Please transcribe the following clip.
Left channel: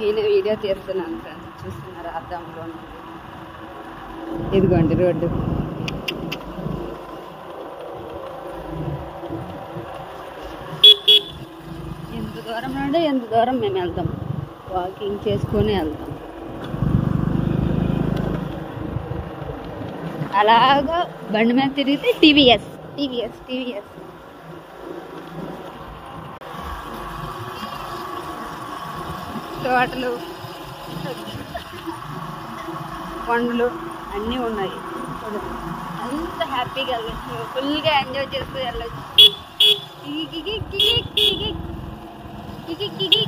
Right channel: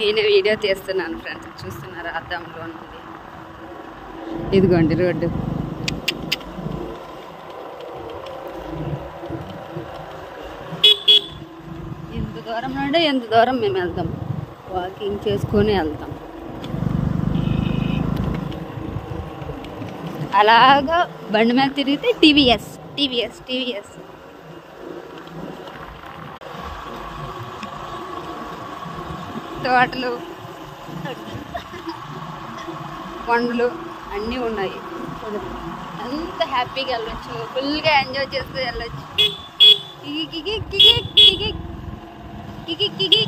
నేనే వీడియో తీస్తున్నాను ఫ్రెండ్స్, చూస్తున్నారా అద్దంలో నుండి. ఇదిగోండి రోడ్డు. ఎంత దూరం అంటే ఎంత దూరం మేము వెళ్తాం, వాకింగ్ చేసుకొని వెళ్తాం. అలాగా బండి మీద తిరిగితే టీవీఎస్ టీవీఎస్ టీవీఎస్. తోటలు, కొండలు అన్నీ ఉన్నాయి. అంత హ్యాపీగా వెళ్ళొచ్చు, ఫుల్గా ఎంజాయ్ చేస్తూ వెళ్ళొచ్చు. కికి కికి కికి కికి కికి కికి